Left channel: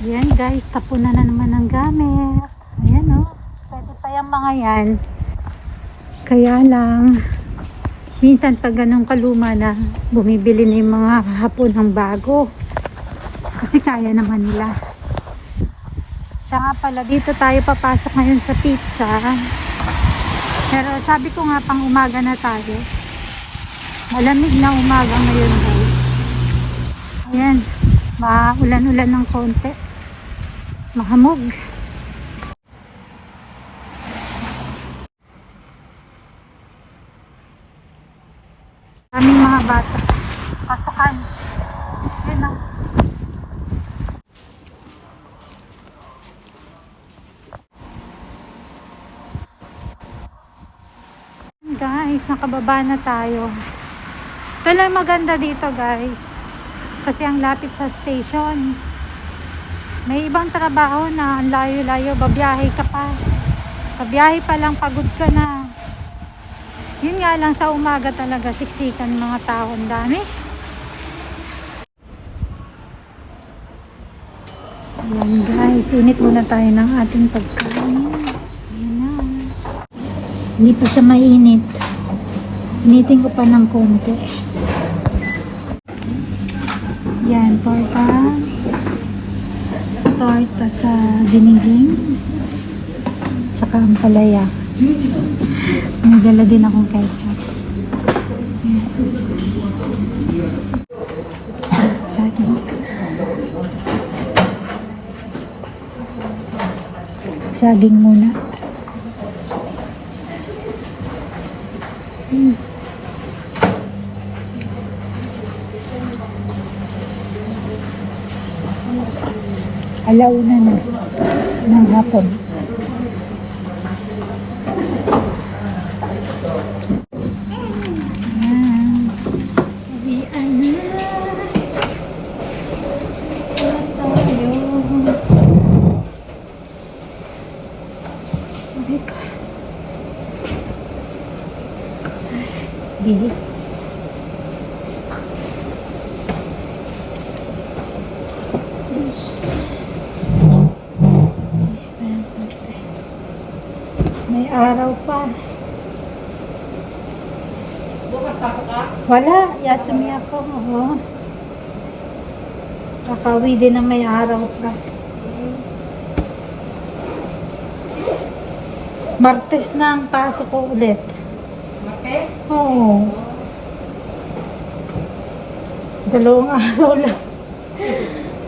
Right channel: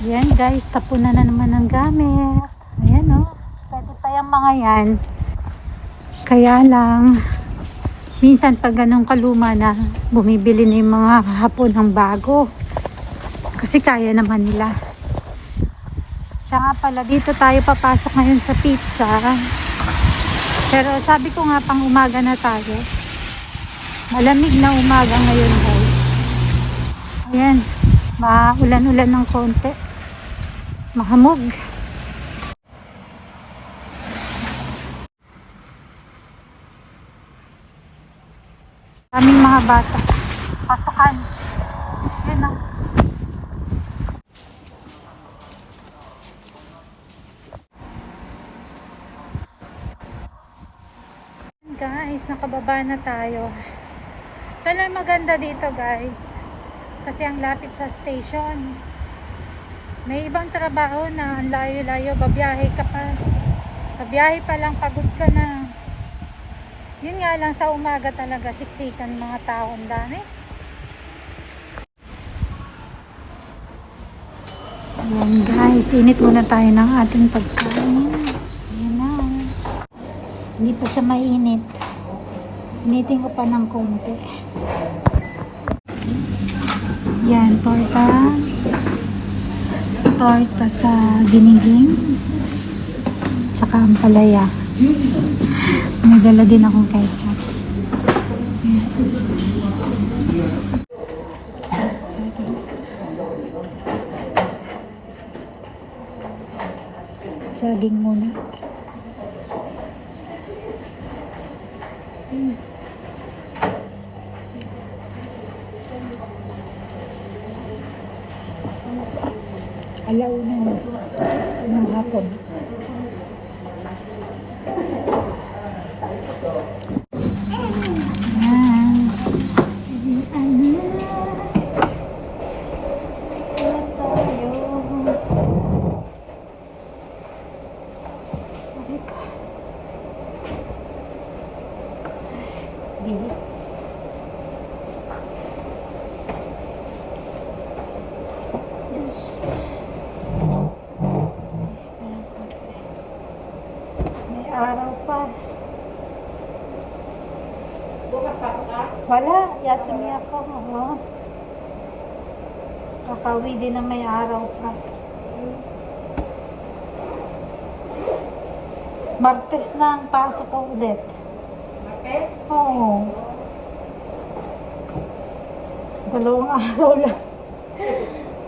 Yan guys, tapunan na naman ng gamit. Ayan o. Oh. Pwede pa yung mga yan. Kaya lang, minsan pag ganun kaluma na, bumibili na yung mga hapon ng bago. Kasi kaya naman nila. Siya nga pala, dito tayo papasok ngayon sa pizza. Pero sabi ko nga pang umaga na tayo. Malamig na umaga ngayon guys. Ayan, maulan-ulan ng konti. Mahamog. Aming mga bata. Pasukan. Yan o. Guys, nakababa na tayo. Ito lang maganda dito guys. Kasi ang lapit sa station. May ibang trabaho na layo-layo, babiyahe ka pa. Sa biyahe pa lang pagod ka na. Yun nga lang sa umaga talaga siksikan mga tao. Ang dami. Ayan guys, init muna tayo ng ating pagkain. Ayan na. Hindi pa siya mainit. Initin ko pa ng konti. Yan, torta. Torta sa giniging. Tsaka ang palaya. May dala din akong ketchup. Saging. Saging muna. Alauna na ng hapon. Wala. Yasumi ako. Oo. Kakawi din na may araw pa. Martes na ang pasok ko ulit. Martes? Oo. Dalawang araw lang.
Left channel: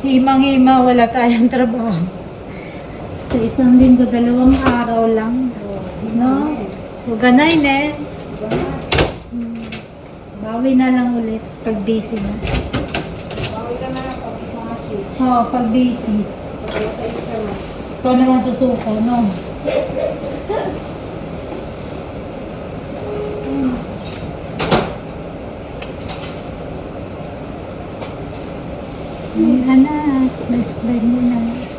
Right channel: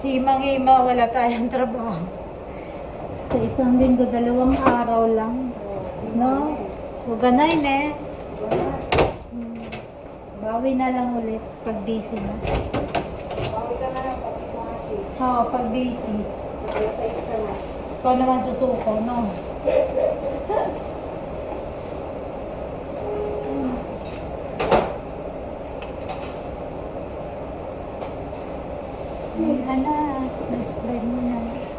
Himang-hima, wala tayong trabaho. Sa isang linggo, dalawang araw lang. No? So, ganay, ne? Hmm. Bawi na lang ulit pag busy na. Bawi ka na lang pag isang shift. Oo, pag busy. Tayo ka na. Ikaw naman susuko, no? Ayan na, suklay-suklay mo na.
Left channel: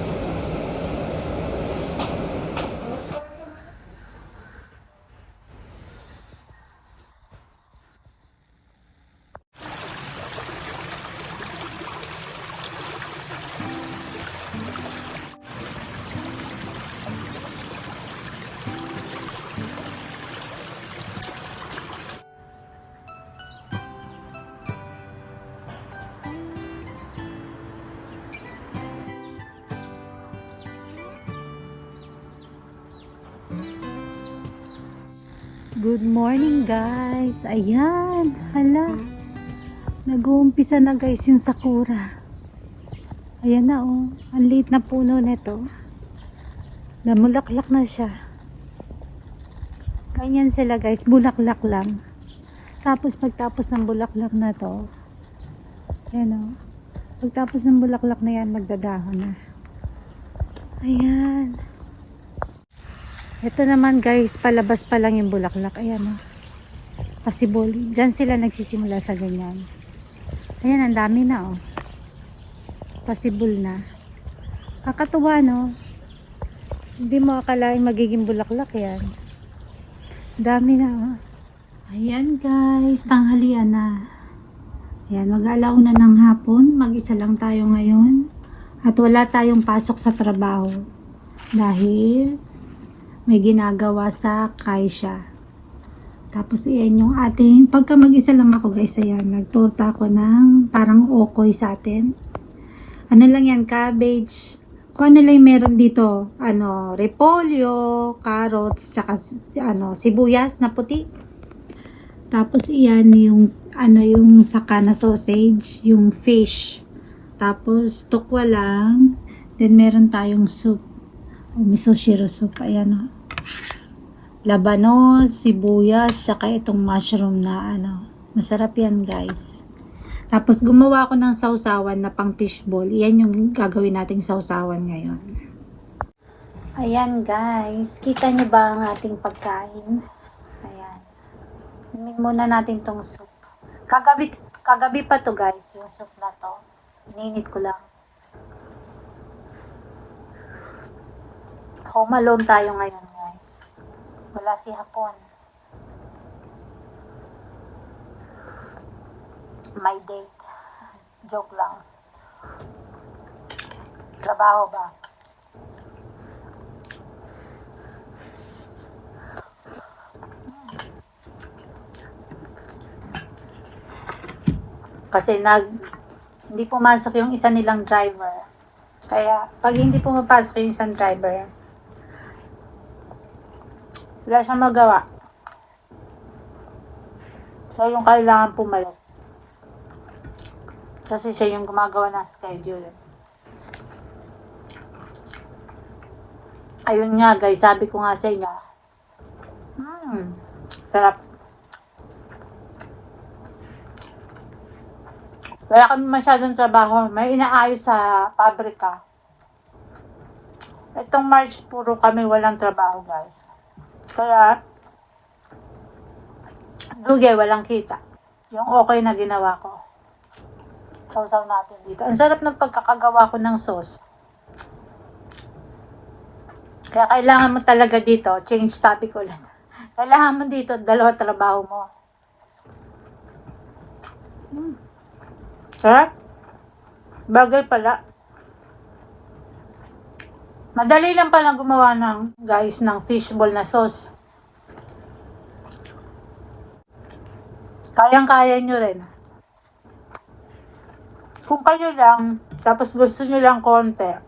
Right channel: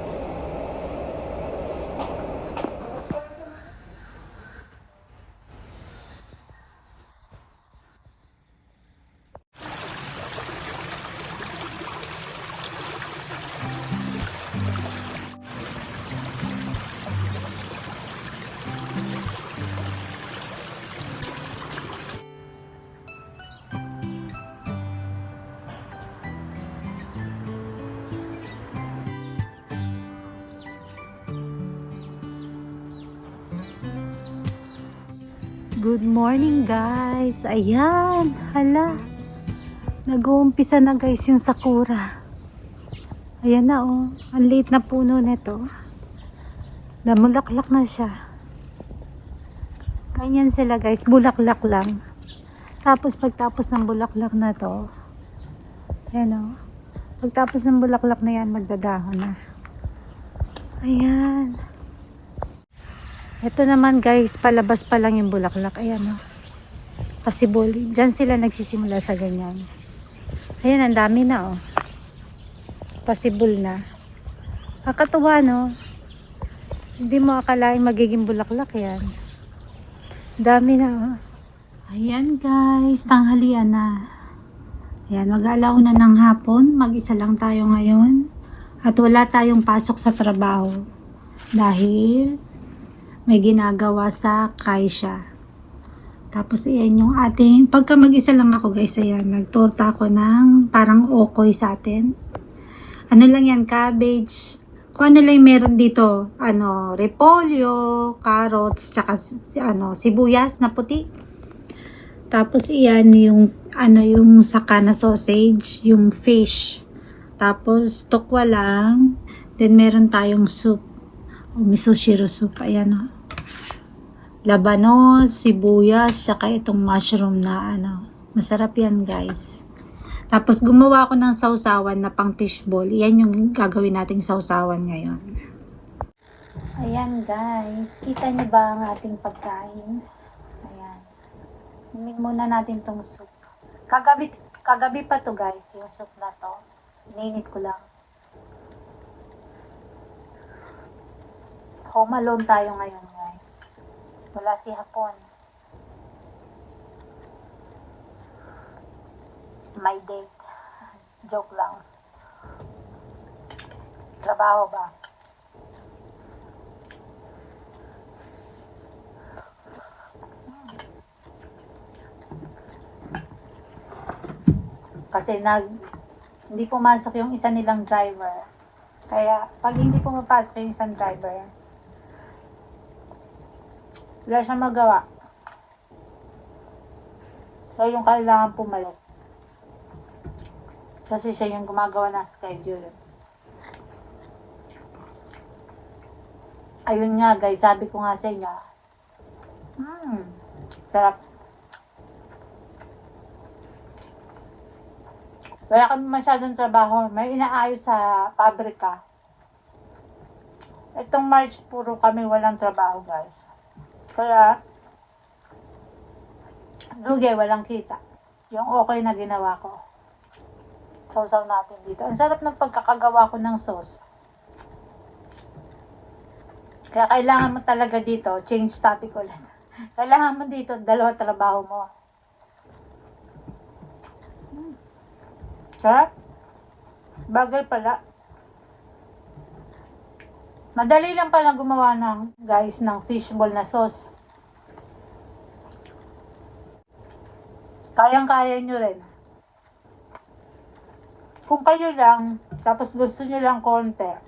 Good morning guys. Ayan, hala. Nag-uumpisa na guys yung sakura. Ayan na oh. Ang liit na puno nito. Namulaklak na siya. Ganyan sila guys. Bulaklak lang. Tapos pagtapos ng bulaklak na to, ayan oh. Pagtapos ng bulaklak na yan, magdadahon na. Ayan. Ito naman guys, palabas pa lang yung bulaklak. Ayan o. Pasibol. Diyan sila nagsisimula sa ganyan. Ayan, ang dami na oh. Pasibol na. Kakatuwa no. Hindi mo akalain magiging bulaklak yan. Dami na oh. Ayan guys, tanghalian na. Ayan, mag-alaw na ng hapon. Mag-isa lang tayo ngayon. At wala tayong pasok sa trabaho dahil may ginagawa sa Kaisha. Tapos iyan yung ating, pagka mag-isa lang ako guys, ayan, nagtorta ako ng parang okoy sa atin. Ano lang yan, cabbage, kung ano lang meron dito, ano, repolyo, carrots, tsaka ano, sibuyas na puti. Tapos iyan yung, ano yung saka na sausage, yung fish. Tapos tokwa lang, then meron tayong soup, o miso shiro soup, ayan o labanos, sibuyas, saka itong mushroom na ano. Masarap yan guys. Tapos gumawa ako ng sausawan na pang fishball. Yan yung gagawin nating sausawan ngayon. Ayan guys, kita nyo ba ang ating pagkain? Ayan. Imin muna natin tong soup. Kagabi, kagabi pa to guys, yung soup na to. Ininit ko lang. Home alone tayo ngayon. Wala si Hapon. My date. Joke lang. Trabaho ba? Kasi nag hindi pumasok yung isa nilang driver. Kaya pag hindi pumapasok yung isang driver, wala siyang magawa. Siya yung kailangan pumalit. Kasi siya yung gumagawa ng schedule. Ayun nga guys, sabi ko nga sa inyo. Hmm, sarap. Wala kami masyadong trabaho. May inaayos sa pabrika. Itong March, puro kami walang trabaho guys. Kaya, Duge, walang kita. Yung okay na ginawa ko. Sausaw natin dito. Ang sarap ng pagkakagawa ko ng sauce. Kaya kailangan mo talaga dito, change topic ulit. Kailangan mo dito, dalawa trabaho mo. Hmm. Sarap. Bagay pala. Madali lang pala gumawa ng, guys, ng fishball na sauce. Kayang-kaya nyo rin. Kung kayo lang, tapos gusto nyo lang konti,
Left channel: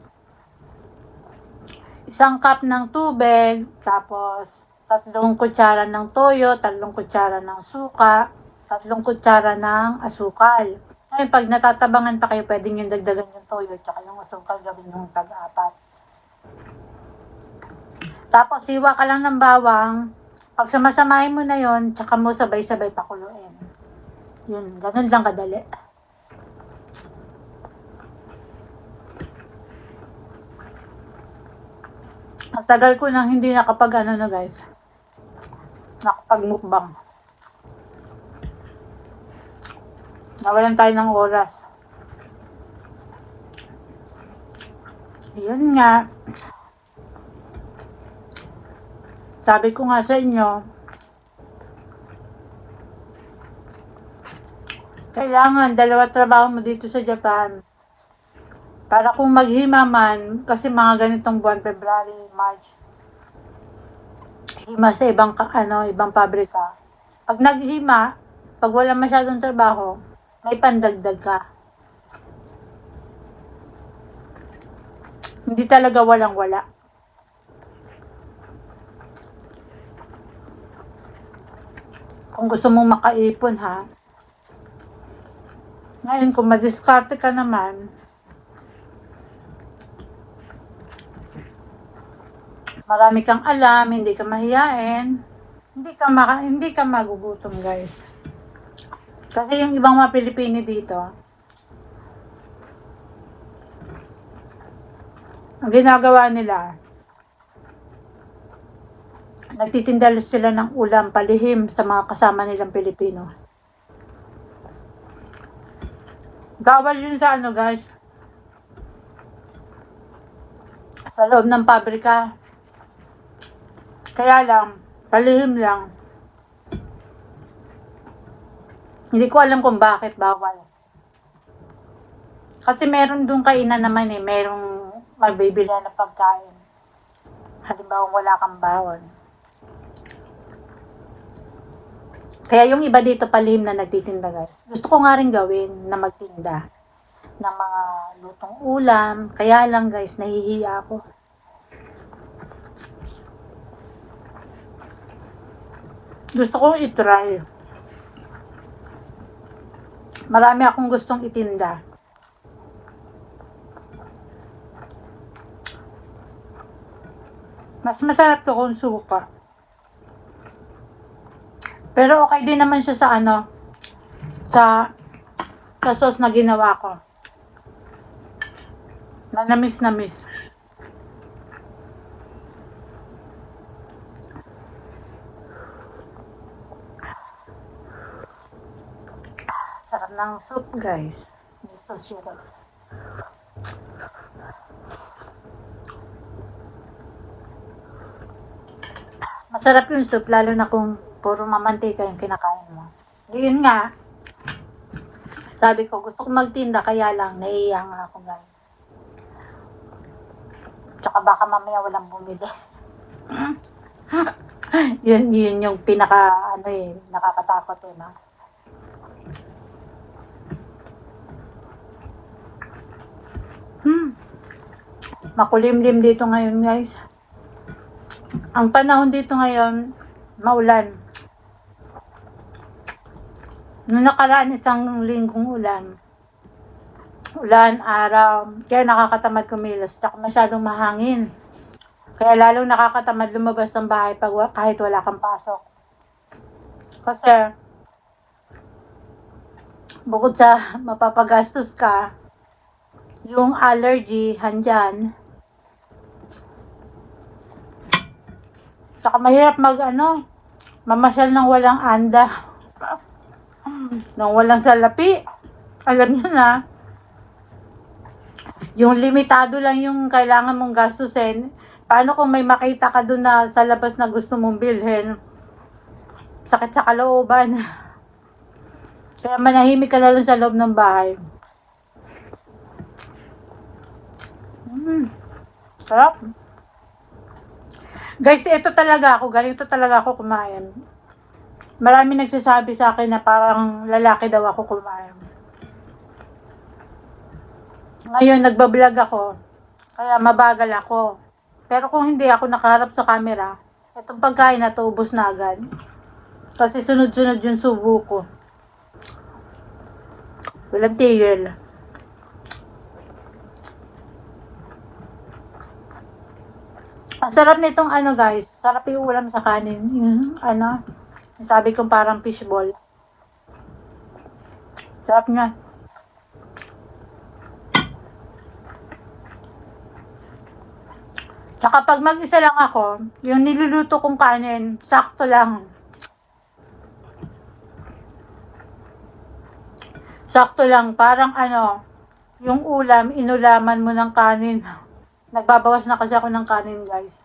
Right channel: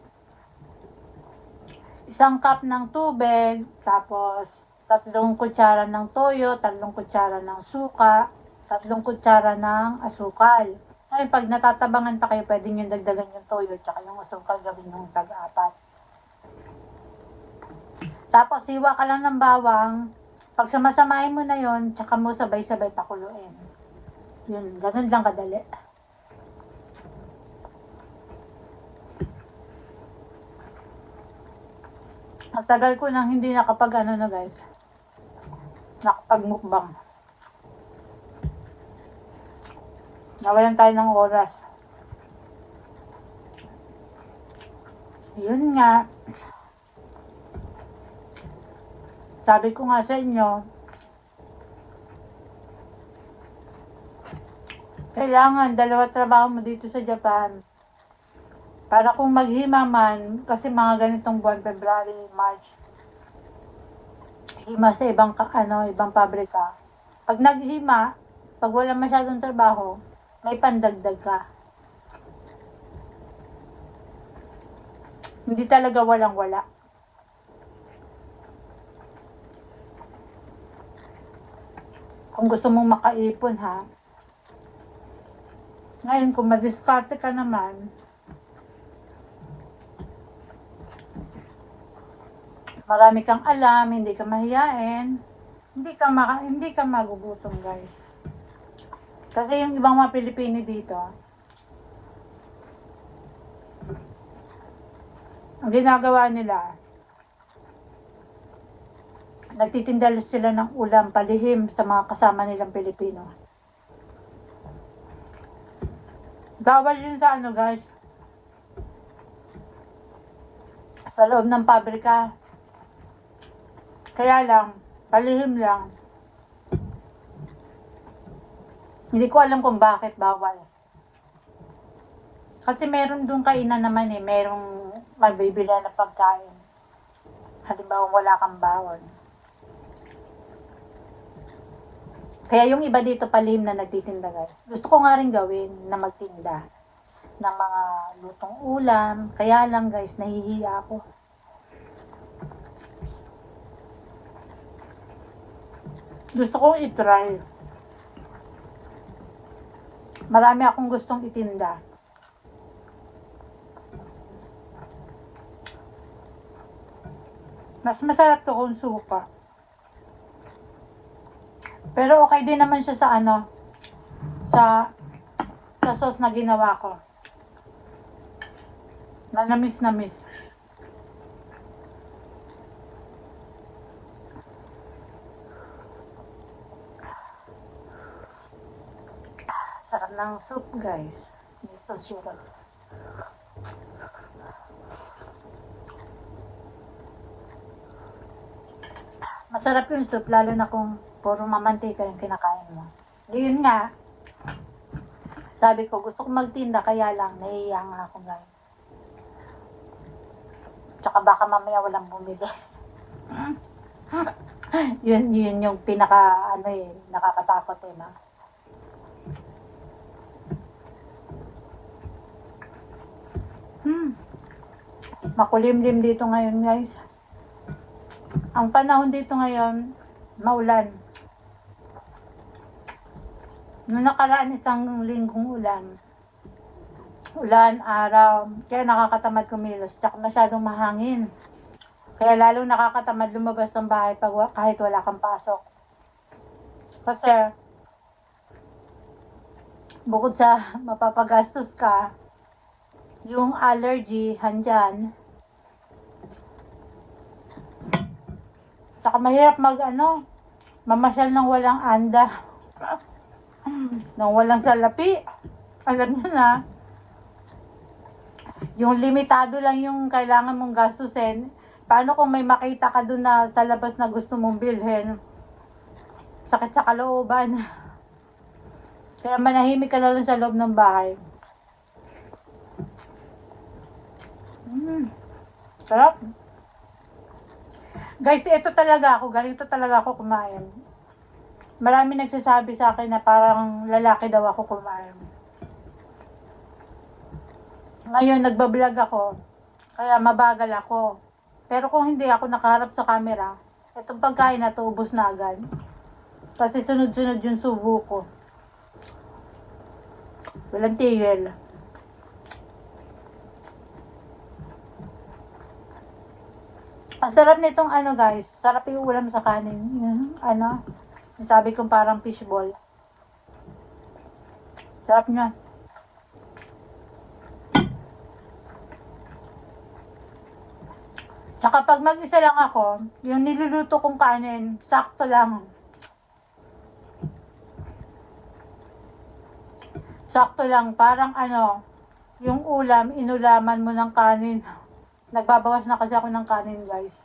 isang cup ng tubig, tapos tatlong kutsara ng toyo, tatlong kutsara ng suka, tatlong kutsara ng asukal. Ngayon, pag natatabangan pa kayo, pwede nyo dagdagan yung toyo, tsaka yung asukal gawin yung tag-apat. Tapos, siwa ka lang ng bawang. Pag samasamahin mo na yon, tsaka mo sabay-sabay pakuluin. Yun, ganun lang kadali. Ang tagal ko nang hindi nakapag ano na guys. Nakapag mukbang. Nawalan tayo ng oras. Yun nga. Sabi ko nga sa inyo, kailangan dalawa trabaho mo dito sa Japan. Para kung maghima man, kasi mga ganitong buwan, February, March, hima sa ibang, ano, ibang pabrika. Pag naghima, pag wala masyadong trabaho, may pandagdag ka. Hindi talaga walang-wala. Kung gusto mong makaipon ha, ngayon kung madiskarte ka naman, marami kang alam, hindi ka mahiyain, hindi ka maka, hindi ka magugutom, guys. Kasi yung ibang mga Pilipino dito, ang ginagawa nila, nagtitinda sila ng ulam palihim sa mga kasama nilang Pilipino. Bawal yun sa ano, guys. Sa loob ng pabrika. Kaya lang, palihim lang. Hindi ko alam kung bakit bawal. Kasi meron doon kainan naman eh, merong magbibili na pagkain. Halimbawa wala kang bawon. Kaya yung iba dito palihim na nagtitinda guys. Gusto ko nga rin gawin na magtinda ng mga lutong ulam. Kaya lang guys, nahihiya ako. Gusto kong itry. Marami akong gustong itinda. Mas masarap to kung suka. Pero okay din naman siya sa ano, sa, sa sauce na ginawa ko. Manamis na miss. Sarap ng soup, guys. Miso syrup. Masarap yung soup, lalo na kung puro mamantika yung kinakain mo. Yun nga, sabi ko, gusto ko magtinda, kaya lang, naiiya nga ako, guys. Tsaka baka mamaya walang bumili. yun, yun yung pinaka, ano eh, nakakatakot eh, no? Hmm. Makulimlim dito ngayon, guys. Ang panahon dito ngayon, maulan. Nung nakaraan isang linggong ulan, ulan, araw, kaya nakakatamad kumilos, tsaka masyadong mahangin. Kaya lalong nakakatamad lumabas ng bahay pag kahit wala kang pasok. Kasi, bukod sa mapapagastos ka, yung allergy, handyan, Saka mahirap mag ano, mamasyal ng walang anda. Nang walang salapi. Alam nyo na. Yung limitado lang yung kailangan mong gastusin. Paano kung may makita ka doon na sa labas na gusto mong bilhin? Sakit sa kalooban. Kaya manahimik ka na lang sa loob ng bahay. Mm. Guys, ito talaga ako. Ganito talaga ako kumain. Marami nagsasabi sa akin na parang lalaki daw ako kumain. Ngayon, nagbablog ako. Kaya mabagal ako. Pero kung hindi ako nakaharap sa camera, itong pagkain na to, na agad. Kasi sunod-sunod yung subo ko. Walang tigil. Ang sarap nitong ano guys, sarap yung ulam sa kanin. Yung ano, sabi kong parang fishball. Sarap niya. Tsaka pag mag-isa lang ako, yung niluluto kong kanin, sakto lang. Sakto lang, parang ano, yung ulam, inulaman mo ng kanin. Nagbabawas na kasi ako ng kanin, guys.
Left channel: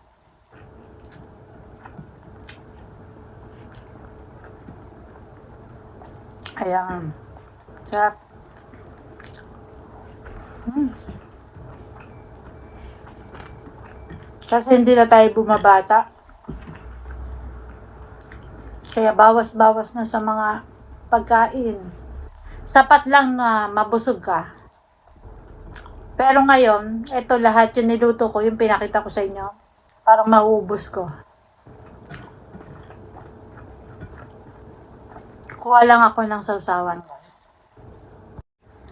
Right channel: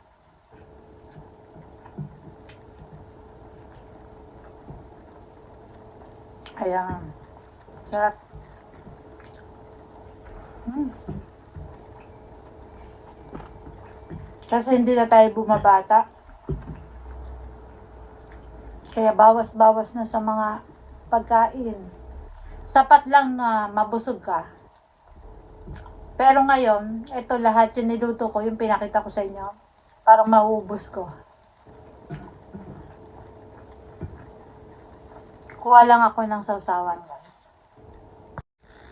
Ayan. Sarap. Hmm. Kasi hindi na tayo bumabata. Kaya bawas-bawas na sa mga pagkain. Sapat lang na mabusog ka. Pero ngayon, ito lahat yung niluto ko, yung pinakita ko sa inyo. Parang mauubos ko. Kuha lang ako ng sausawan, guys.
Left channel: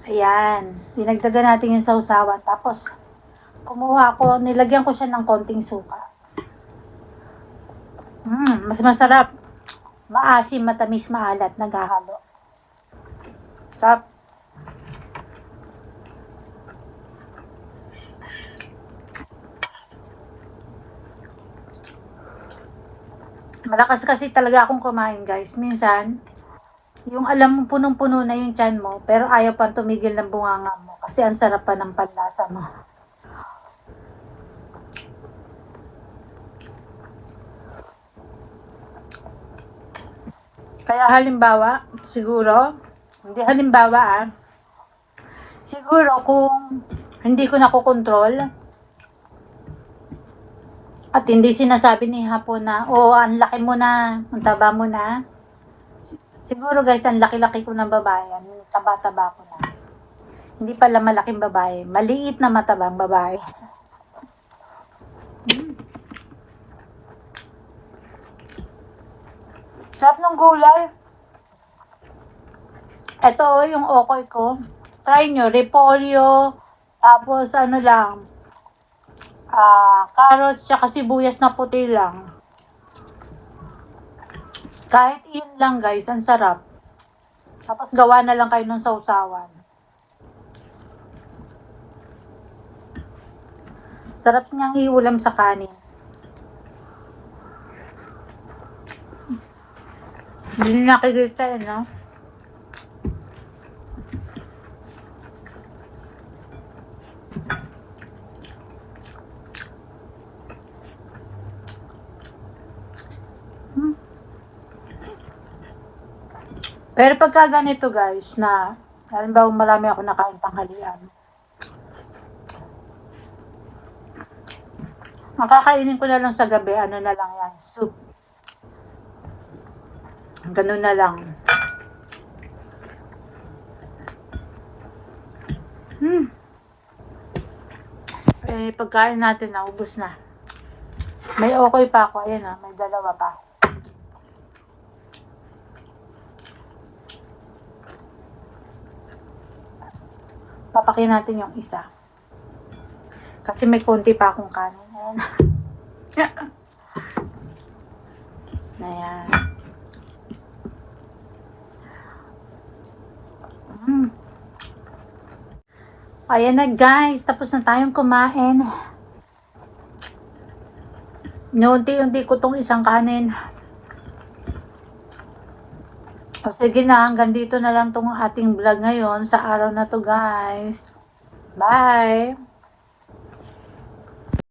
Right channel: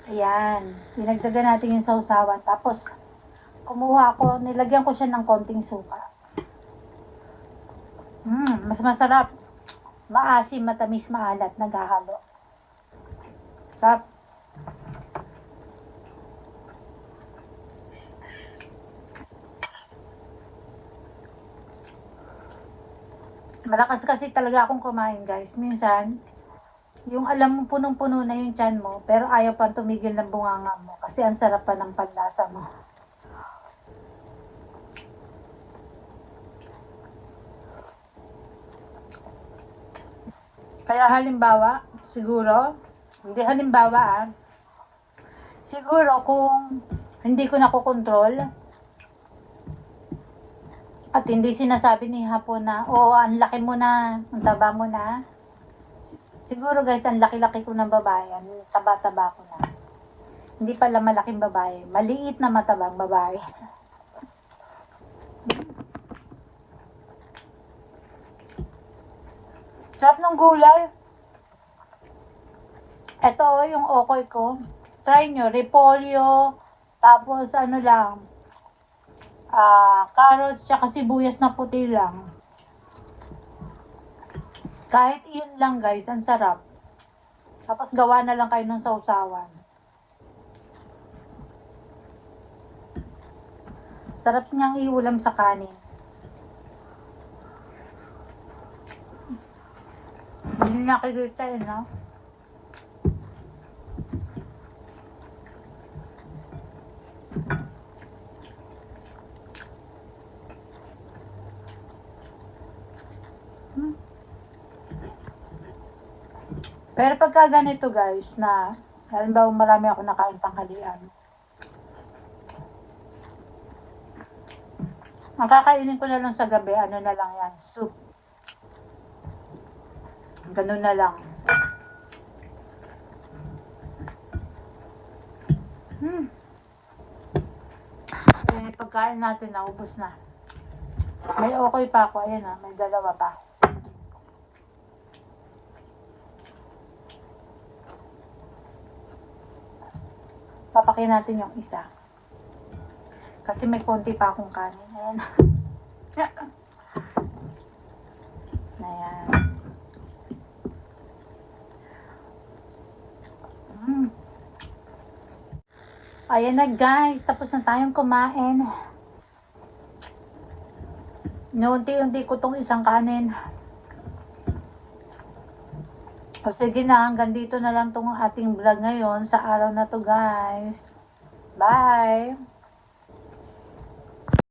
Ayan. Dinagdagan natin yung sausawan. Tapos, kumuha ako, nilagyan ko siya ng konting suka. Mm, mas masarap. Maasim, matamis, maalat, naghahalo. Sarap. Malakas kasi talaga akong kumain, guys. Minsan, yung alam mo punong-puno na yung tiyan mo, pero ayaw pa tumigil ng bunganga mo kasi ang sarap pa ng panlasa mo. Kaya halimbawa, siguro, hindi halimbawa ah, Siguro kung hindi ko nakokontrol at hindi sinasabi ni Hapon na, oh, ang laki mo na, ang taba mo na. Si- Siguro guys, ang laki-laki ko ng babae, ang taba-taba ko na. Hindi pala malaking babae, maliit na matabang babae. Mm. Sarap ng gulay. Ito oh, yung okoy ko. Try nyo, repolyo, tapos ano lang, ah carrots, tsaka sibuyas na puti lang. Kahit yun lang guys, ang sarap. Tapos gawa na lang kayo ng sausawan. Sarap niyang iulam sa kanin. Hindi nakikita eh, no? Pero pagka ganito guys, na halimbawa marami ako nakain tanghalian. Ang kakainin ko na lang sa gabi, ano na lang yan, soup. Ganun na lang. Hmm. Eh, pagkain natin, naubos na. May okay pa ako. Ayan ah, may dalawa pa. Papakin natin yung isa. Kasi may konti pa akong kanin. Ayan. Ayan. Mm. Ayan na guys, tapos na tayong kumain. Noonti-unti ko tong isang kanin. Sige na, hanggang dito na lang tong ating vlog ngayon sa araw na to guys. Bye!